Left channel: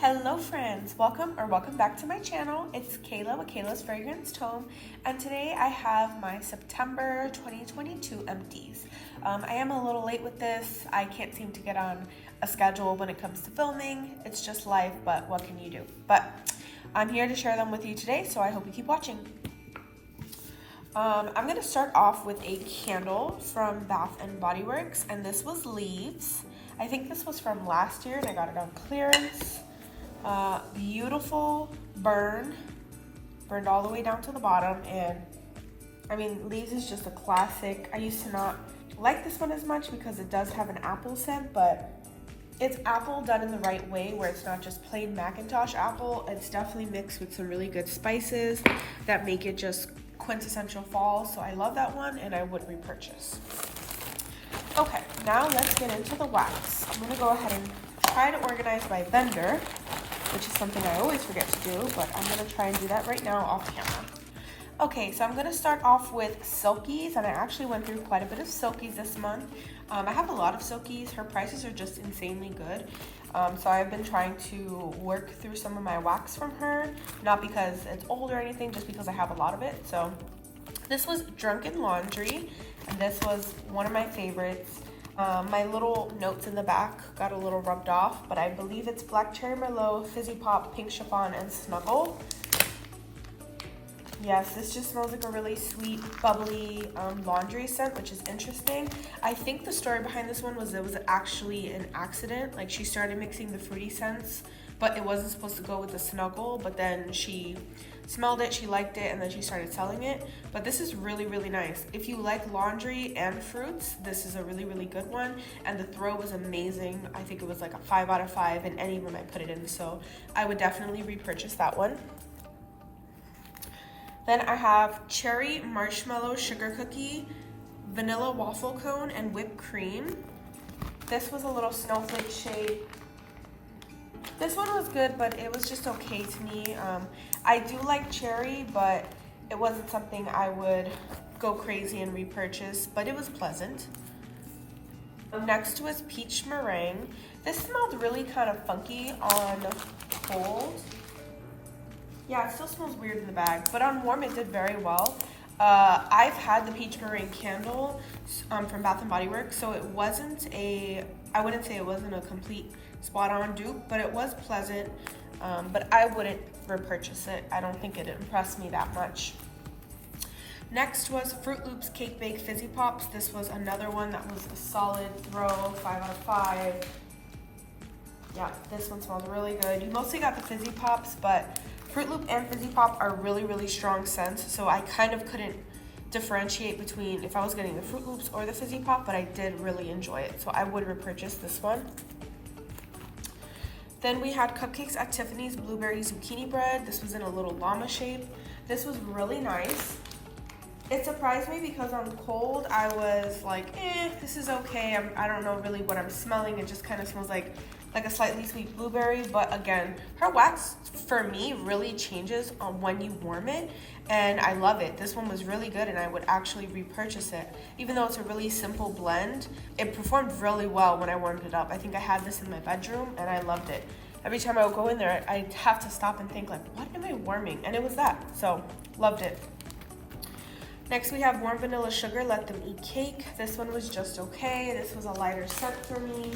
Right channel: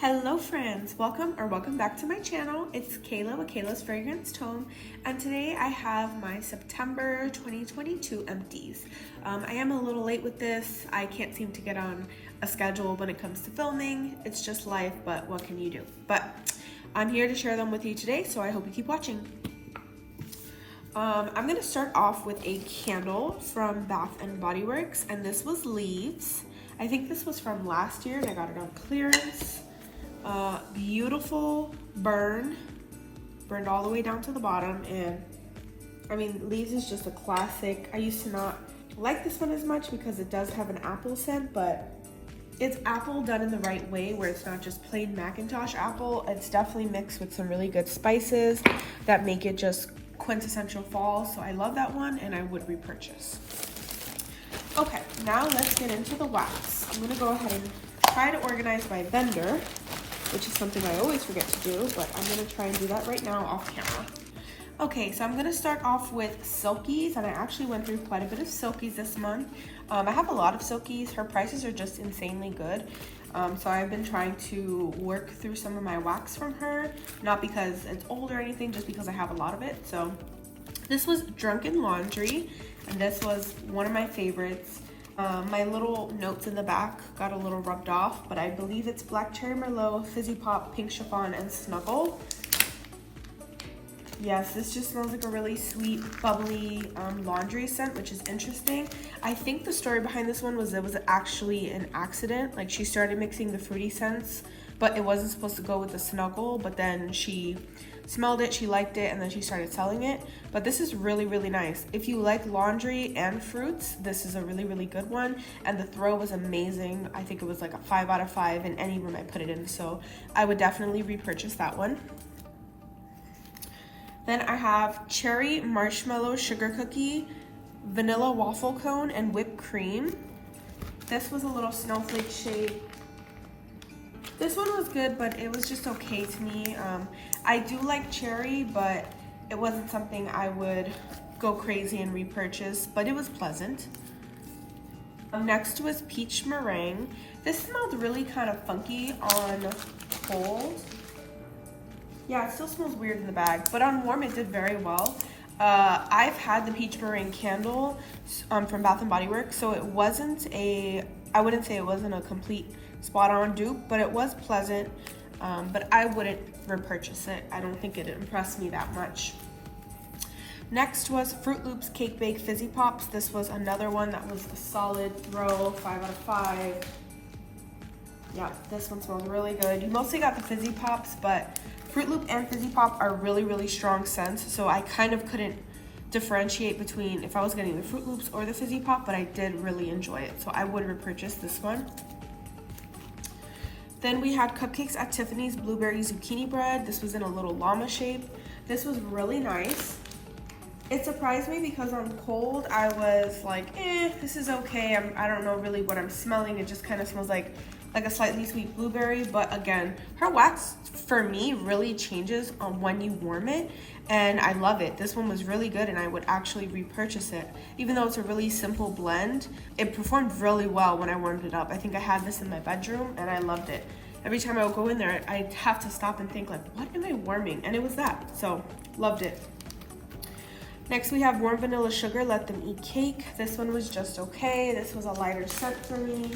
Hello friends, welcome back to my channel. It's Kayla with Kayla's Fragrance Tome, and today I have my September 2022 empties. I am a little late with this. I can't seem to get on a schedule when it comes to filming. It's just life, but what can you do? But I'm here to share them with you today, so I hope you keep watching. I'm gonna start off with a candle from Bath & Body Works, and this was Leaves. I think this was from last year and I got it on clearance. Beautiful burned all the way down to the bottom, and I mean, Leaves is just a classic. I used to not like this one as much because it does have an apple scent, but it's apple done in the right way where it's not just plain Macintosh apple. It's definitely mixed with some really good spices that make it just quintessential fall, so I love that one and I would repurchase. Okay, now let's get into the wax. I'm gonna go ahead and try to organize my vendor, which is something I always forget to do, but I'm gonna try and do that right now off camera. Okay, so I'm gonna start off with Silkies, and I actually went through quite a bit of Silkies this month. I have a lot of Silkies. Her prices are just insanely good. So I've been trying to work through some of my wax from her, not because it's old or anything, just because I have a lot of it. So this was Drunken Laundry, and this was one of my favorites. My little notes in the back got a little rubbed off, but I believe it's Black Cherry Merlot, Fizzy Pop, Pink Chiffon, and Snuggle. Yes, this just smells like a really sweet, bubbly laundry scent, which is interesting. I think the story behind this one was it was actually an accident. Like, she started mixing the fruity scents, but it wasn't supposed to go with the Snuggle, but then she smelled it, she liked it, and then she started selling it. But this is really, really nice. If you like laundry and fruits, this is a really, really good one. And the throw was amazing. I think it was like a 5 out of 5 in any room I put it in, so I would definitely repurchase that one. Then I have Cherry Marshmallow Sugar Cookie, Vanilla Waffle Cone, and Whipped Cream. This was a little snowflake shade. This one was good, but it was just okay to me. I do like cherry, but it wasn't something I would go crazy and repurchase, but it was pleasant. Next was Peach Meringue. This smelled really kind of funky on cold. Yeah, it still smells weird in the bag, but on warm it did very well. I've had the Peach Meringue candle from Bath & Body Works, so it wasn't I wouldn't say it wasn't a complete spot-on dupe, but it was pleasant, but I wouldn't repurchase it. I don't think it impressed me that much. Next was Fruit Loops Cake Bake Fizzy Pops. This was another one that was a solid throw, 5 out of 5. Yeah, this one smells really good. You mostly got the Fizzy Pops, but Fruit Loop and Fizzy Pop are really, really strong scents, so I kind of couldn't differentiate between if I was getting the Fruit Loops or the Fizzy Pop, but I did really enjoy it, so I would repurchase this one. Then we had Cupcakes at Tiffany's Blueberry Zucchini Bread. This was in a little llama shape. This was really nice. It surprised me because on cold, I was like, this is okay. I don't know really what I'm smelling. It just kind of smells like a slightly sweet blueberry, but again, her wax for me really changes on when you warm it, and I love it. This one was really good and I would actually repurchase it. Even though it's a really simple blend, it performed really well when I warmed it up. I think I had this in my bedroom and I loved it. Every time I would go in there, I'd have to stop and think like, what am I warming? And it was that, so loved it. Next we have Warm Vanilla Sugar Let Them Eat Cake. This one was just okay. This was a lighter scent for me.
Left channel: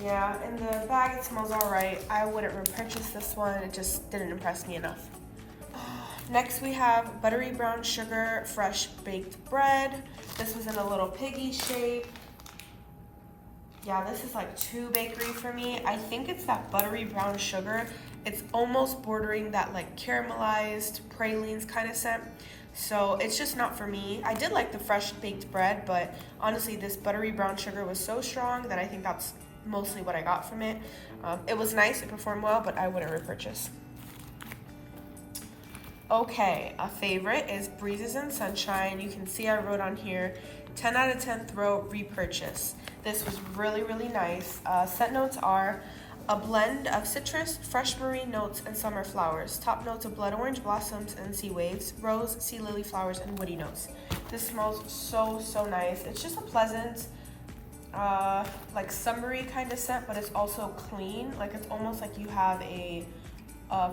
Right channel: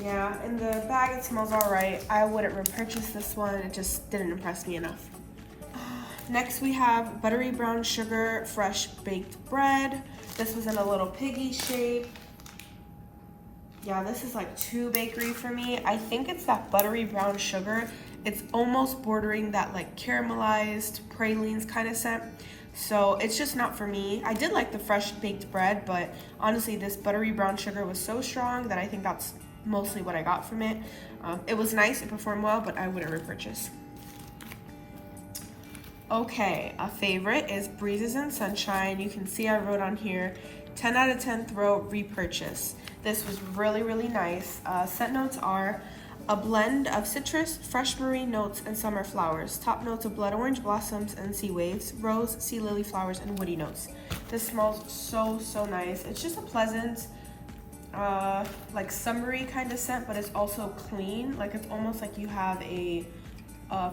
Yeah, in the bag it smells all right. I wouldn't repurchase this one. It just didn't impress me enough. Next we have Buttery Brown Sugar Fresh Baked Bread. This was in a little piggy shape. Yeah, this is like too bakery for me. I think it's that buttery brown sugar. It's almost bordering that like caramelized pralines kind of scent. So it's just not for me. I did like the fresh baked bread, but honestly this buttery brown sugar was so strong that I think that's mostly what I got from it. It was nice, it performed well, but I wouldn't repurchase. Okay, a favorite is Breezes and Sunshine. You can see I wrote on here 10 out of 10 throw repurchase. This was really, really nice. Scent notes are a blend of citrus, fresh marine notes, and summer flowers. Top notes of blood orange blossoms and sea waves, rose, sea lily flowers, and woody notes. This smells so, so nice. It's just a pleasant like summery kind of scent, but it's also clean. Like it's almost like you have a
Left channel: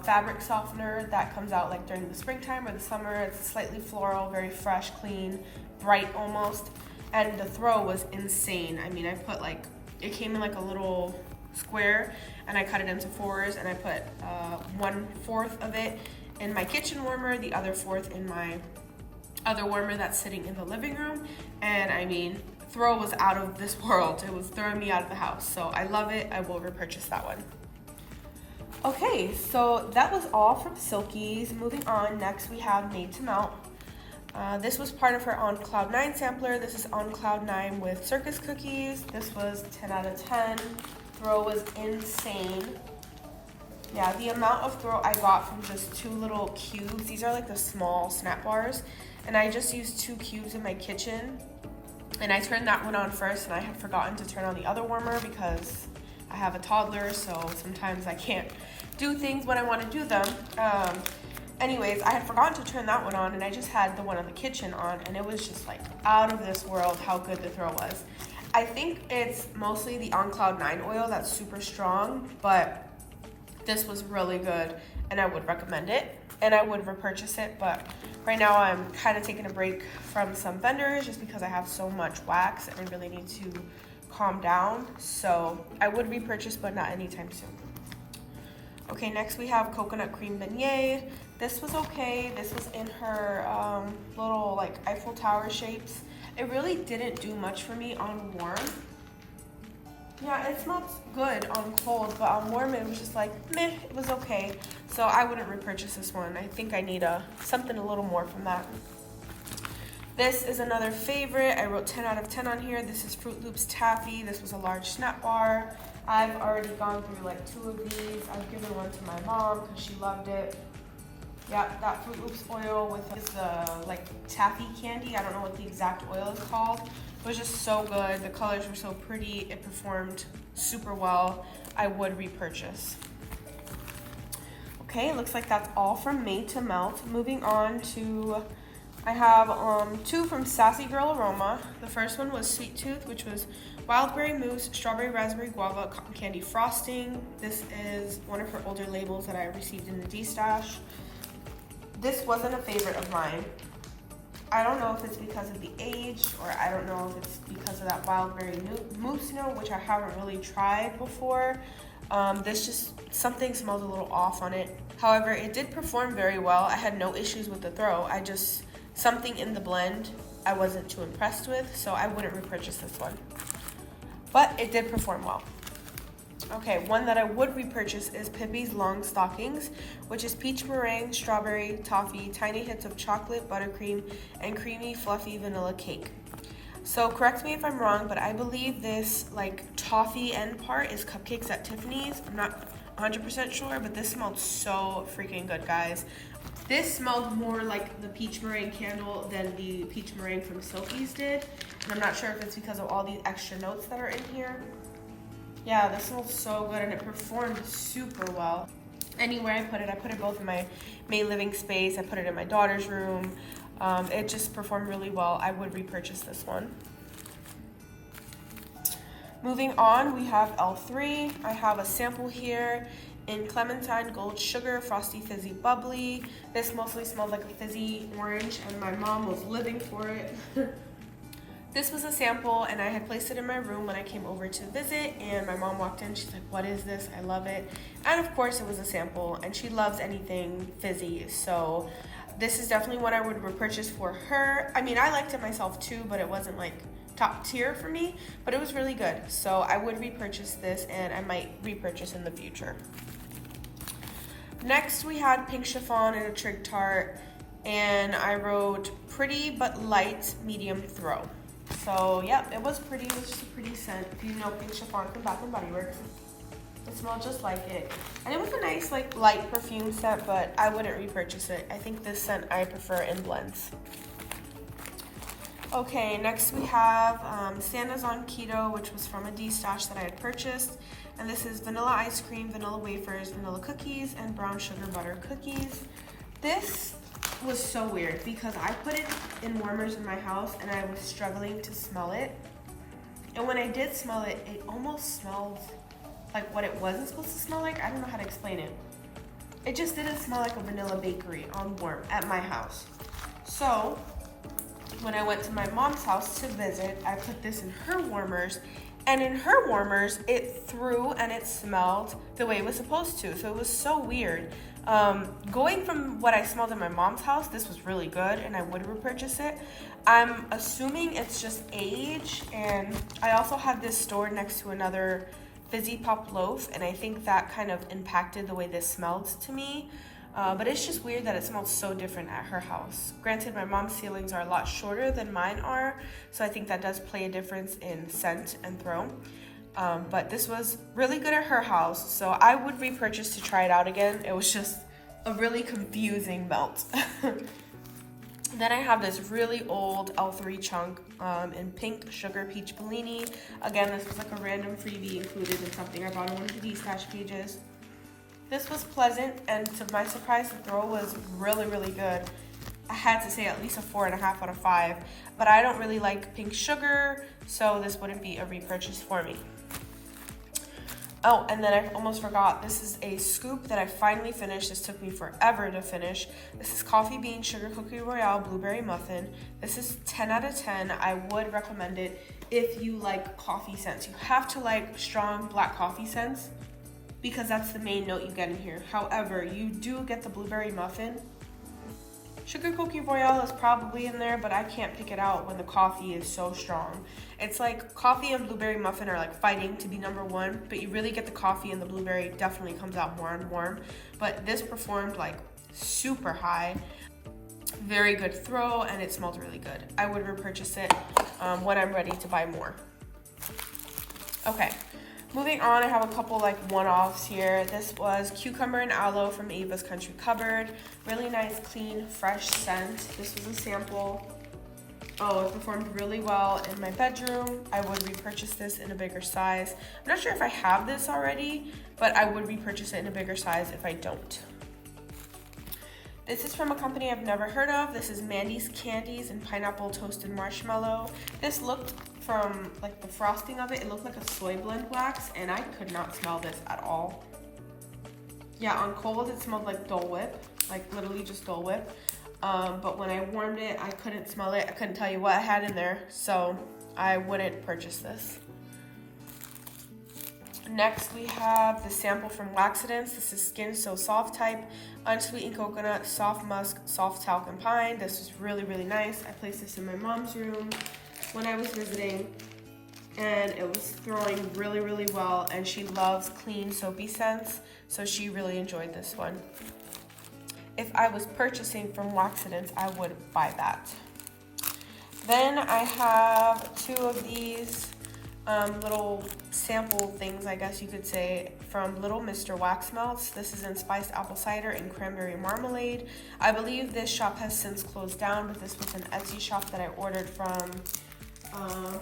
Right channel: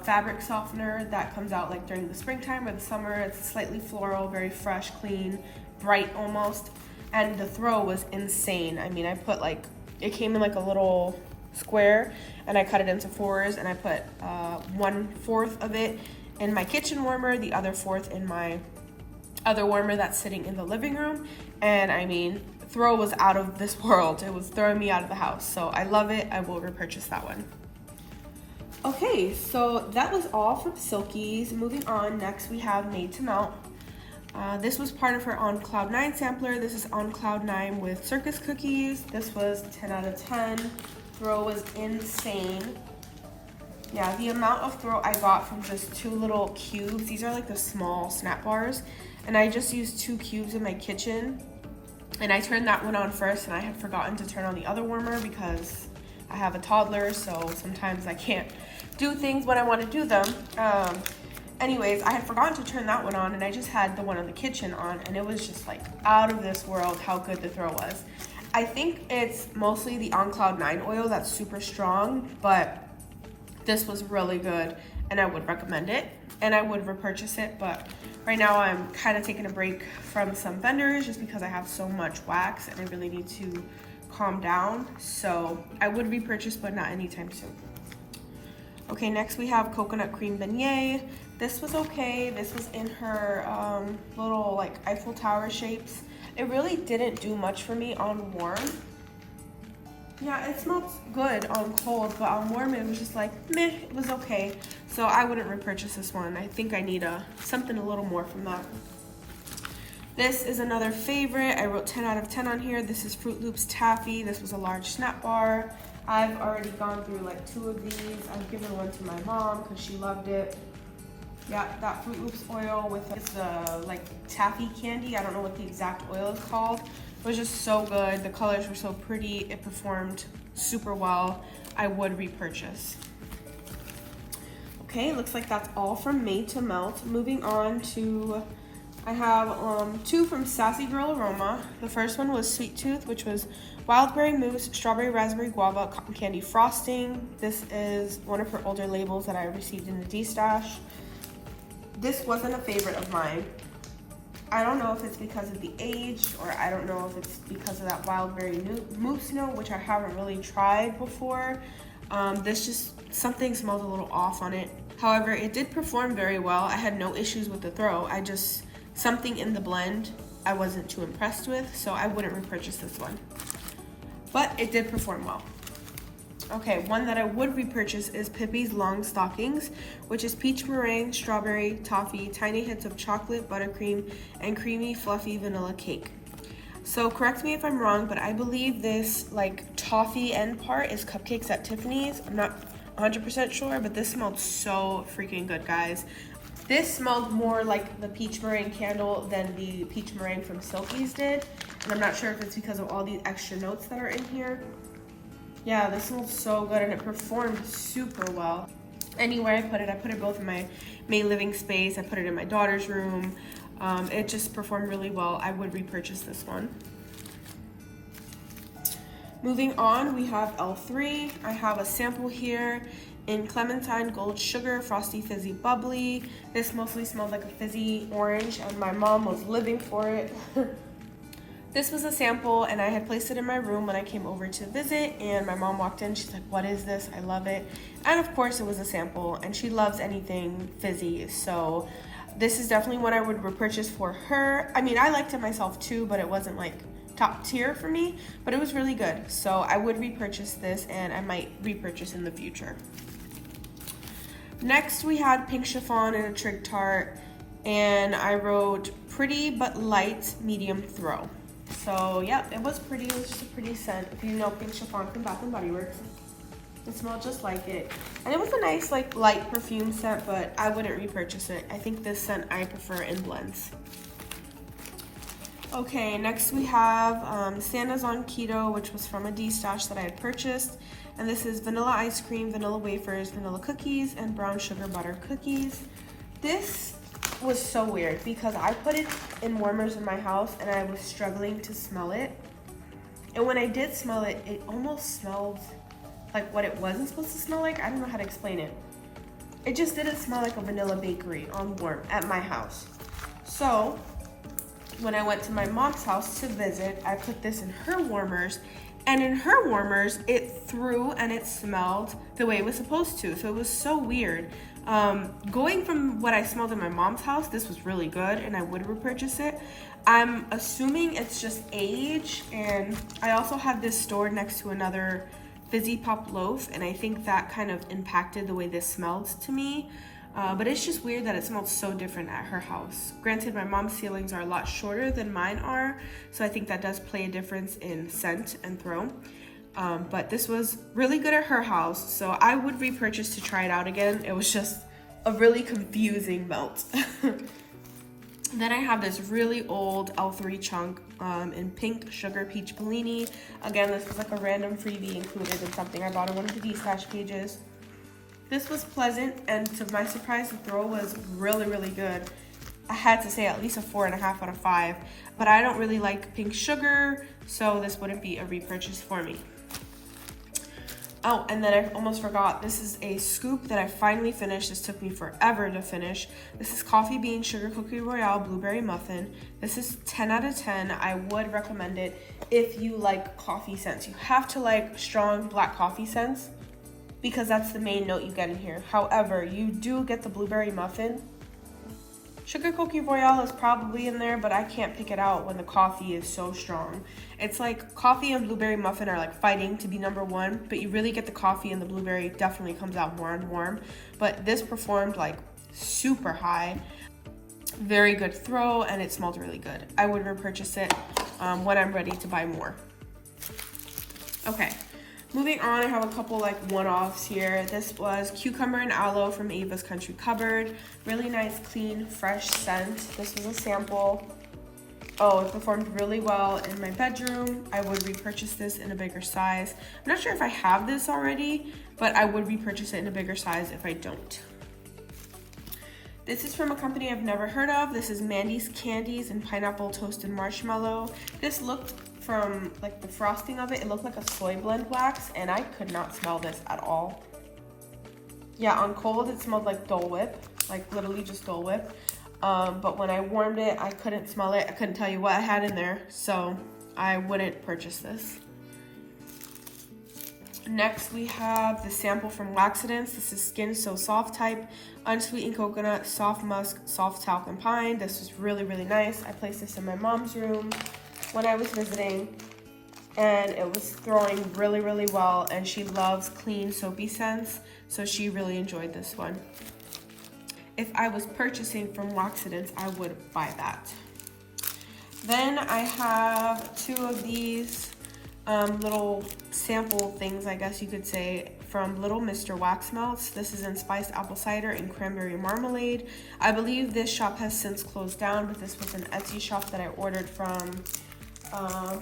fabric softener that comes out like during the springtime or the summer. It's slightly floral, very fresh, clean, bright almost. And the throw was insane. I mean, I put like, it came in like a little square and I cut it into 4s, and I put 1/4 of it in my kitchen warmer, the other 4th in my other warmer that's sitting in the living room. And I mean, throw was out of this world. It was throwing me out of the house. So I love it. I will repurchase that one. Okay, so that was all from Silkies. Moving on, next we have Made to Melt. This was part of her On Cloud 9 sampler. This is On Cloud 9 with circus cookies. This was 10 out of 10. Throw was insane. Yeah, the amount of throw I got from just 2 little cubes. These are like the small snap bars. And I just used 2 cubes in my kitchen. And I turned that one on first, and I had forgotten to turn on the other warmer because I have a toddler, so sometimes I can't do things when I want to do them. Anyways, I had forgotten to turn that one on, and I just had the one on the kitchen on, and it was just like out of this world how good the throw was. I think it's mostly the On Cloud 9 oil that's super strong, but this was really good, and I would recommend it, and I would repurchase it. But right now I'm kind of taking a break from some vendors just because I have so much wax and I really need to calm down. So I would repurchase, but not anytime soon. Okay, next we have Coconut Cream Beignet. This was okay. This was in her little like Eiffel Tower shapes. It really didn't do much for me on warm. Yeah, it smelled good on cold, but on warm it was just like, meh, it was okay. So I wouldn't repurchase this one. I think I need something a little more from that. This is another favorite. I wrote 10 out of 10 on here. This is Fruit Loops Taffy. This was a large snap bar. I've already gone through like 2 of these. I've given one to my mom because she loved it. Got Fruit Loops oil with this like taffy candy. I don't know what the exact oil is called. It was just so good. The colors were so pretty. It performed super well. I would repurchase. Okay, looks like that's all from Made to Melt. Moving on to, I have 2 from Sassy Girl Aroma. The first one was Sweet Tooth, which was wild berry mousse, strawberry raspberry guava, cotton candy frosting. This is one of her older labels that I received in the D-stash. This wasn't a favorite of mine. I don't know if it's because of the age, or I don't know if it's because of that wild berry mousse note, which I haven't really tried before. This just, something smells a little off on it. However, it did perform very well. I had no issues with the throw. Something in the blend I wasn't too impressed with, so I wouldn't repurchase this one. But it did perform well. Okay, one that I would repurchase is Pippi's Long Stockings, which is peach meringue, strawberry, toffee, tiny hits of chocolate, buttercream, and creamy, fluffy vanilla cake. So correct me if I'm wrong, but I believe this like toffee end part is Cupcakes at Tiffany's. I'm not 100% sure, but this smelled so freaking good, guys. This smelled more like the peach meringue candle than the peach meringue from Silkies did. And I'm not sure if it's because of all these extra notes that are in here. Yeah, this smells so good, and it performed super well. Anywhere I put it both in my main living space. I put it in my daughter's room. It just performed really well. I would repurchase this one. Moving on, we have L3. I have a sample here in Clementine Gold Sugar Frosty Fizzy Bubbly. This mostly smelled like a fizzy orange, and my mom was living for it. This was a sample, and I had placed it in my room when I came over to visit, and my mom walked in. She's like, what is this? I love it. And of course it was a sample, and she loves anything fizzy, so this is definitely one I would repurchase for her. I mean, I liked it myself too, but it wasn't like top tier for me, but it was really good. So I would repurchase this, and I might repurchase in the future. Next, we had Pink Chiffon and a Trig Tart, and I wrote pretty but light medium throw. So yeah, it was pretty. It was just a pretty scent. If you know Pink Chiffon from Bath & Body Works, it smelled just like it. And it was a nice like light perfume scent, but I wouldn't repurchase it. I think this scent I prefer in blends. Okay, next we have Santa's On Keto, which was from a D-stash that I had purchased. And this is vanilla ice cream, vanilla wafers, vanilla cookies, and brown sugar butter cookies. This was so weird because I put it in warmers in my house and I was struggling to smell it. And when I did smell it, it almost smelled like what it wasn't supposed to smell like. I don't know how to explain it. It just didn't smell like a vanilla bakery on warm at my house. So when I went to my mom's house to visit, I put this in her warmers, and in her warmers, it threw and it smelled the way it was supposed to. So it was so weird. Going from what I smelled in my mom's house, this was really good and I would repurchase it. I'm assuming it's just age, and I also have this stored next to another Fizzy Pop loaf, and I think that kind of impacted the way this smelled to me. But it's just weird that it smells so different at her house. Granted, my mom's ceilings are a lot shorter than mine are, so I think that does play a difference in scent and throw. But this was really good at her house, so I would repurchase to try it out again. It was just a really confusing melt. Then I have this really old L3 chunk in pink sugar peach Bellini. Again, this was like a random freebie included in something I bought on one of the D-Stash pages. This was pleasant, and to my surprise, the throw was really, really good. I had to say at least a 4.5 out of 5, but I don't really like pink sugar, so this wouldn't be a repurchase for me. Oh, and then I almost forgot, this is a scoop that I finally finished. This took me forever to finish. This is Coffee Bean Sugar Cookie Royale Blueberry Muffin. This is 10 out of 10. I would recommend it if you like coffee scents. You have to like strong black coffee scents because that's the main note you get in here. However, you do get the blueberry muffin. Sugar Cookie Royale is probably in there, but I can't pick it out when the coffee is so strong. It's like coffee and blueberry muffin are like fighting to be #1, but you really get the coffee, and the blueberry definitely comes out more and warm. But this performed like super high. Very good throw, and it smelled really good. I would repurchase it when I'm ready to buy more. Okay, moving on, I have a couple like one-offs here. This was Cucumber and Aloe from Avas Country Cupboard. Really nice, clean, fresh scent. This was a sample. Oh, it performed really well in my bedroom. I would repurchase this in a bigger size. I'm not sure if I have this already, but I would repurchase it in a bigger size if I don't. This is from a company I've never heard of. This is Mandys Candies and Pineapple Toasted Marshmallow. This looked, from like the frosting of it, it looked like a soy blend wax, and I could not smell this at all. Yeah, on cold it smelled like Dole Whip, like literally just Dole Whip. But when I warmed it, I couldn't smell it. I couldn't tell you what I had in there, so I wouldn't purchase this. Next, we have the sample from Laxatives. This is Skin So Soft type, unsweetened coconut, soft musk, soft talc, and pine. This is really, really nice. I placed this in my mom's room when I was visiting, and it was throwing really, really well, and she loves clean, soapy scents, so she really enjoyed this one. If I was purchasing from Laxatives, I would buy that. Then I have 2 of these little sample things, I guess you could say, from Little Mr. Wax Melts. This is in spiced apple cider and cranberry marmalade. I believe this shop has since closed down, but this was an Etsy shop that I ordered from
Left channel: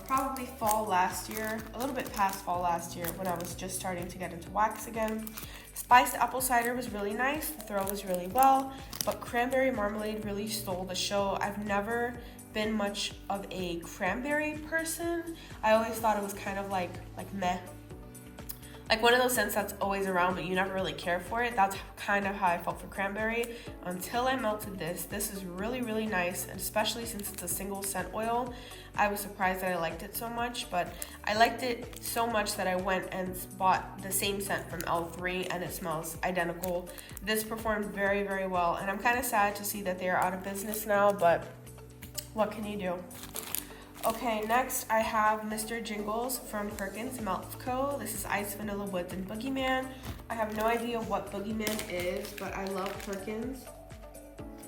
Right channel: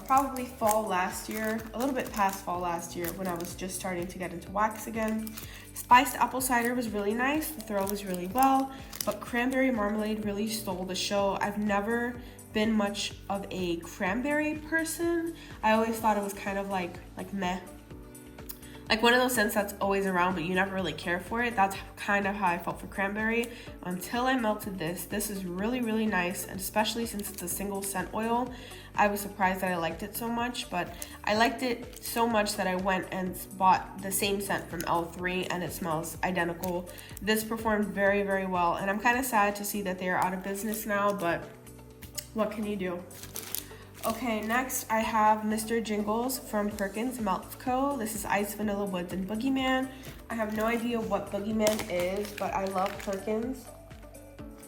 probably fall last year, a little bit past fall last year when I was just starting to get into wax again. Spiced apple cider was really nice, the throw was really well, but cranberry marmalade really stole the show. I've never been much of a cranberry person. I always thought it was kind of like meh. Like one of those scents that's always around, but you never really care for it. That's kind of how I felt for cranberry until I melted this. This is really, really nice, and especially since it's a single scent oil, I was surprised that I liked it so much, but I liked it so much that I went and bought the same scent from L3, and it smells identical. This performed very, very well, and I'm kind of sad to see that they are out of business now, but what can you do? Okay, next I have Mr. Jingles from Perkins Melt Co. This is Ice Vanilla Woods and Boogeyman. I have no idea what Boogeyman is, but I love Perkins.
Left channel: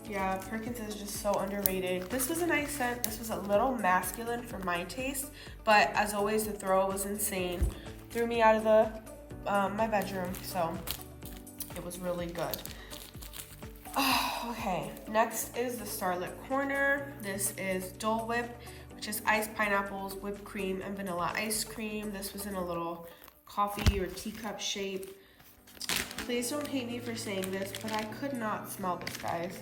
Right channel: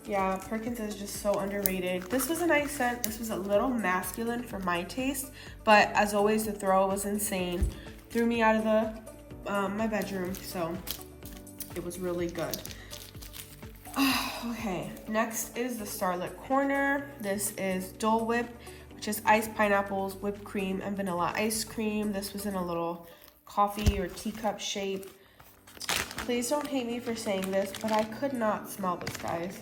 Yeah, Perkins is just so underrated. This was a nice scent. This was a little masculine for my taste, but as always, the throw was insane. Threw me out of the my bedroom, so it was really good. Okay, next is the Starlit Corner. This is Dole Whip, which is iced pineapples, whipped cream, and vanilla ice cream. This was in a little coffee or teacup shape. Please don't hate me for saying this, but I could not smell this, guys.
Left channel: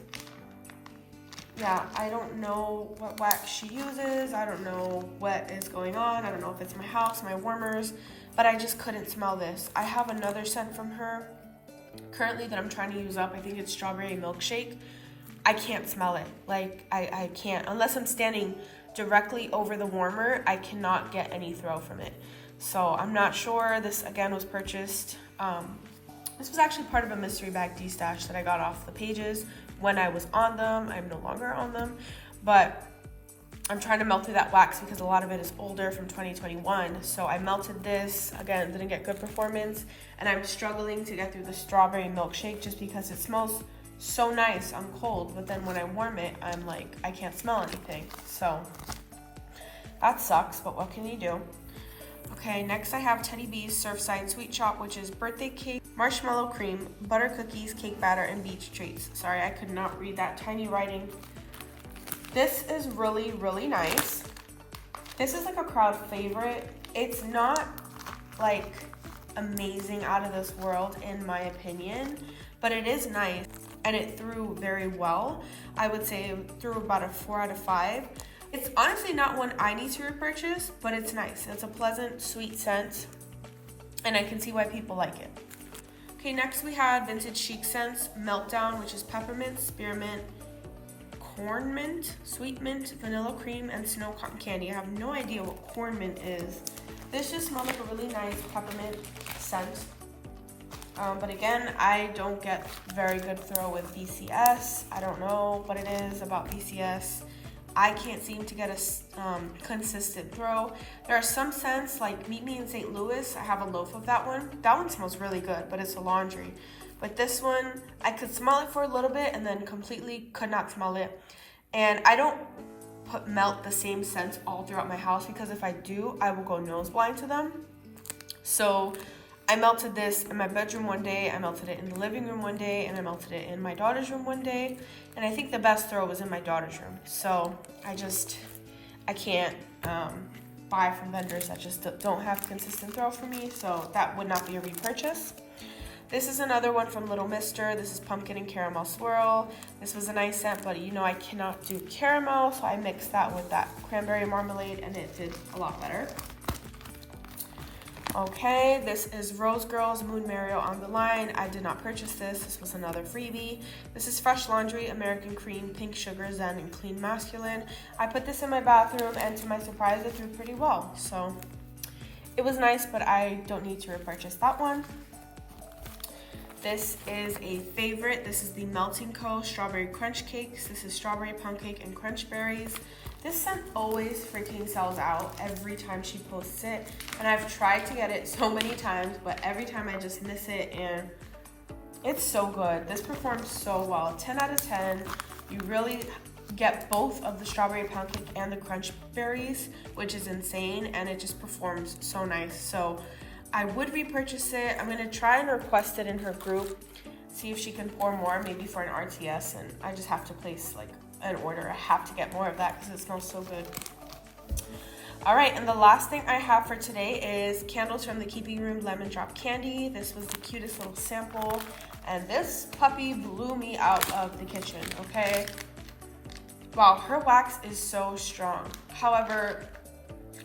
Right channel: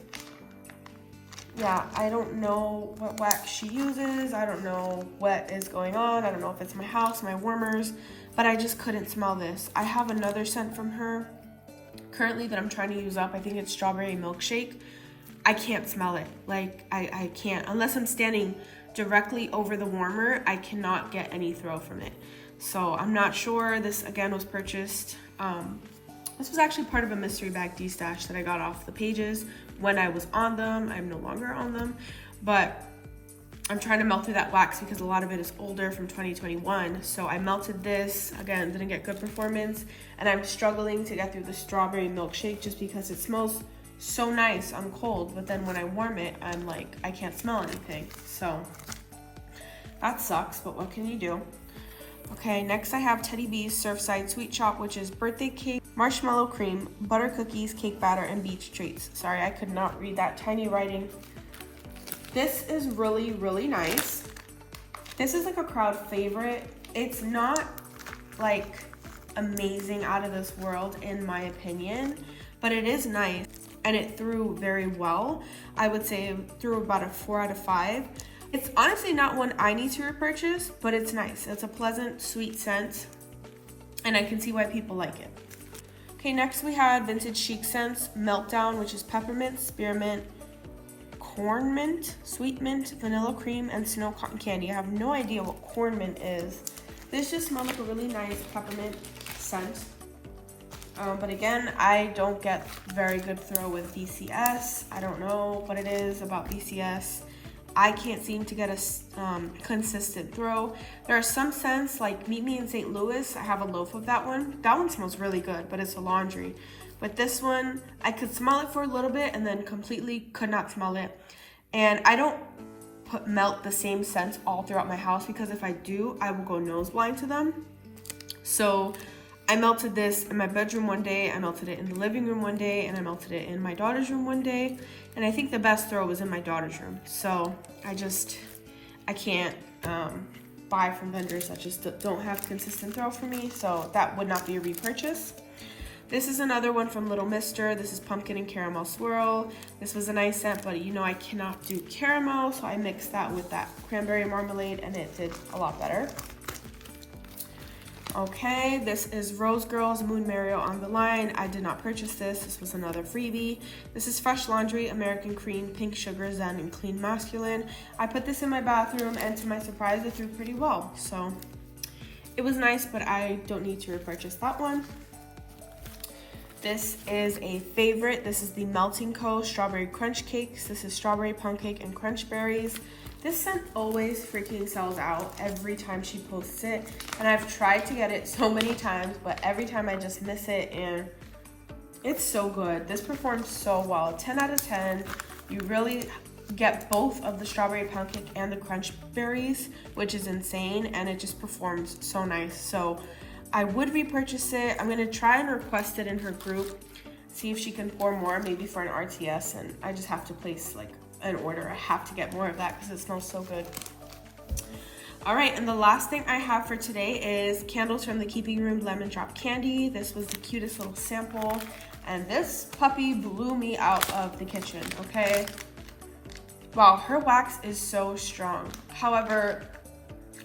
yeah, I don't know what wax she uses. I don't know what is going on. I don't know if it's my house, my warmers, but I just couldn't smell this. I have another scent from her currently that I'm trying to use up. I think it's strawberry milkshake. I can't smell it. Like, I can't. Unless I'm standing directly over the warmer, I cannot get any throw from it. So I'm not sure. This, again, was purchased. This was actually part of a mystery bag de-stash that I got off the pages when I was on them. I'm no longer on them, but I'm trying to melt through that wax because a lot of it is older from 2021. So I melted this, again, didn't get good performance, and I'm struggling to get through the strawberry milkshake just because it smells so nice on cold, but then when I warm it, I'm like, I can't smell anything. So that sucks, but what can you do? Okay, next I have Teddy B's Surfside Sweet Shop, which is birthday cake, marshmallow cream, butter cookies, cake batter, and beach treats. Sorry, I could not read that tiny writing. This is really, really nice. This is like a crowd favorite. It's not like amazing, out of this world in my opinion, but it is nice and it threw very well. I would say it threw about a 4 out of 5. It's honestly not one I need to repurchase, but it's nice. It's a pleasant, sweet scent, and I can see why people like it. Okay, next we had Vintage Chic Scents Meltdown, which is peppermint, spearmint, corn mint, sweet mint, vanilla cream, and snow cotton candy. I have no idea what corn mint is. This just smells like a really nice peppermint scent. But again, I don't get very good throw with BCS. I don't know what it is about BCS. I can't seem to get a consistent throw. There are some scents like Meet Me in St. Louis. I have a loaf of that one. That one smells really good, but it's a laundry. But this one, I could smell it for a little bit and then completely could not smell it. And I don't melt the same scents all throughout my house because if I do, I will go nose blind to them. So I melted this in my bedroom one day, I melted it in the living room one day, and I melted it in my daughter's room one day. And I think the best throw was in my daughter's room. So I can't buy from vendors that just don't have consistent throw for me. So that would not be a repurchase. This is another one from Little Mister. This is pumpkin and caramel swirl. This was a nice scent, but you know I cannot do caramel, so I mixed that with that cranberry marmalade and it did a lot better. Okay, this is Rose Girls Moon Mario on the Line. I did not purchase this. This was another freebie. This is Fresh Laundry, American Cream, Pink Sugar, Zen, and Clean Masculine. I put this in my bathroom, and to my surprise, it did pretty well. So it was nice, but I don't need to repurchase that one. This is a favorite. This is the Melting Co. Strawberry Crunch Cakes. This is strawberry pound cake and crunch berries. This scent always freaking sells out every time she posts it. And I've tried to get it so many times, but every time I just miss it, and it's so good. This performed so well. 10 out of 10. You really get both of the strawberry pound cake and the crunch berries, which is insane, and it just performs so nice. So I would repurchase it. I'm gonna try and request it in her group, see if she can pour more, maybe for an RTS, and I just have to place like an order. I have to get more of that because it smells so good. All right, and the last thing I have for today is candles from the Keeping Room Lemon Drop Candy. This was the cutest little sample, and this puppy blew me out of the kitchen, okay? Wow, her wax is so strong. However,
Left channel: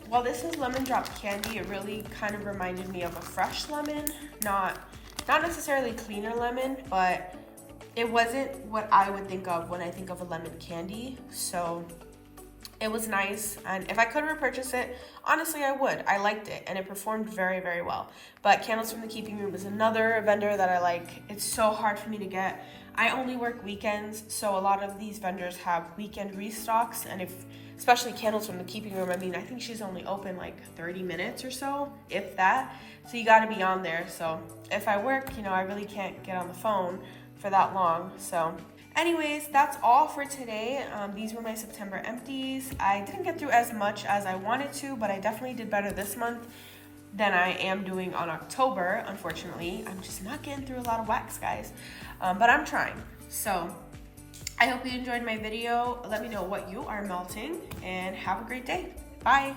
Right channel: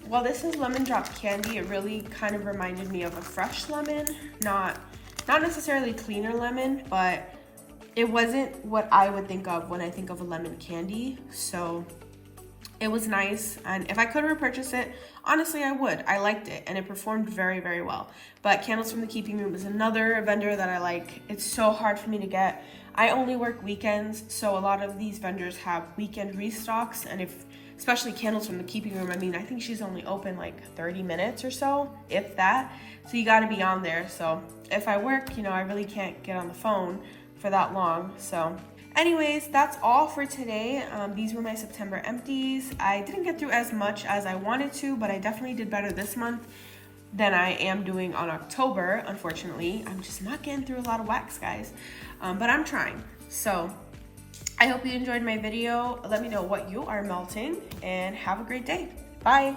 while this is lemon drop candy, it really kind of reminded me of a fresh lemon, not necessarily cleaner lemon, but it wasn't what I would think of when I think of a lemon candy. So it was nice, and if I could repurchase it, honestly I would. I liked it, and it performed very, very well. But Candles from the Keeping Room is another vendor that I like. It's so hard for me to get. I only work weekends, so a lot of these vendors have weekend restocks, and especially Candles from the Keeping Room, I mean, I think she's only open like 30 minutes or so, if that. So you gotta be on there. So if I work, you know, I really can't get on the phone for that long. So anyways, that's all for today. These were my September empties. I didn't get through as much as I wanted to, but I definitely did better this month than I am doing on October. Unfortunately, I'm just not getting through a lot of wax, guys, but I'm trying. So I hope you enjoyed my video. Let me know what you are melting, and have a great day. Bye.